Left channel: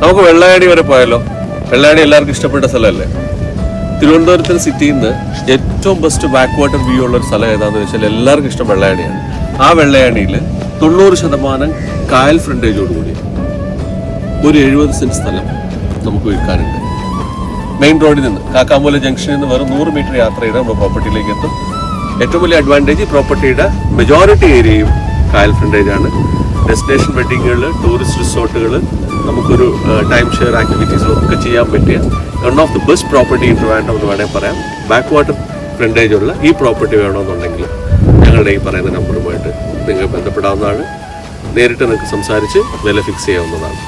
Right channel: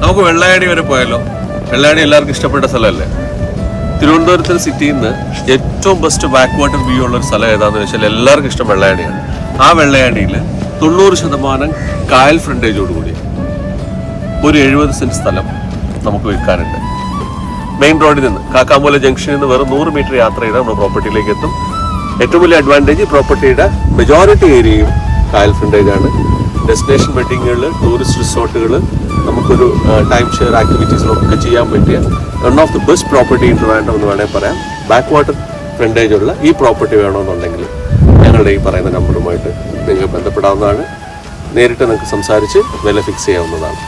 നമുക്ക് വെള്ളായണി വരെ പോയാലോ? വെള്ളായണി എല്ലാവർക്കും ഇഷ്ടപ്പെട്ട സ്ഥലമല്ലേ? തിരുവനന്തപുരത്തിന് സിറ്റിയിൽ നിന്ന് ഏറ്റവും ബെസ്റ്റ് ബാക്ക് വാട്ടർ വ്യൂ ഉള്ള ഒരു സ്ഥലം ഏതാണെന്ന് വെച്ചാൽ എല്ലാവർക്കും ഇഷ്ടം വെള്ളായണിയാണ്. ആ വെള്ളായണിയിൽ 90% കായൽ ഫ്രണ്ടേജോടുകൂടി ഒരു 70 സെന്റ് സ്ഥലം നമുക്ക് വിൽക്കാനുണ്ട്. മെയിൻ റോഡിൽ നിന്ന് കാക്കാമൂല ജംഗ്ഷനിൽ നിന്ന് വെറും 100 മീറ്റർ യാത്ര ചെയ്താൽ നമ്മൾ പ്രോപ്പർട്ടിയിലേക്ക് എത്തും. ഏറ്റവും വലിയ അഡ്വാൻറ്റേജ് പ്രോപ്പർട്ടിയുടെ മെജോറിറ്റി ഏരിയയും കായൽ ഫ്രണ്ടേജ് ആണ്. ഡെസ്റ്റിനേഷൻ വെഡിങ്ങുകൾ, ടൂറിസ്റ്റ് റിസോർട്ടുകൾ, നമുക്കൊരു ടൈം ഷെയർ ആക്ടിവിറ്റീസിലൊക്കെ ചെയ്യാൻ പറ്റിയ one of the best property in Trivandrum എന്ന് വേണമെങ്കിൽ പറയാം. ബാക്ക് വാട്ടർ ഫ്രണ്ടേജ് ഉള്ള ഈ പ്രോപ്പർട്ടി വേണമെന്നുണ്ടെങ്കിൽ ഞങ്ങളുടെ ഈ പറയുന്ന നമ്പറുമായിട്ട് നിങ്ങൾ ബന്ധപ്പെടാവുന്നതാണ്. നേരിട്ട് നിങ്ങൾക്ക് സംസാരിച്ച് വില ഫിക്സ് ചെയ്യാവുന്നതാണ്.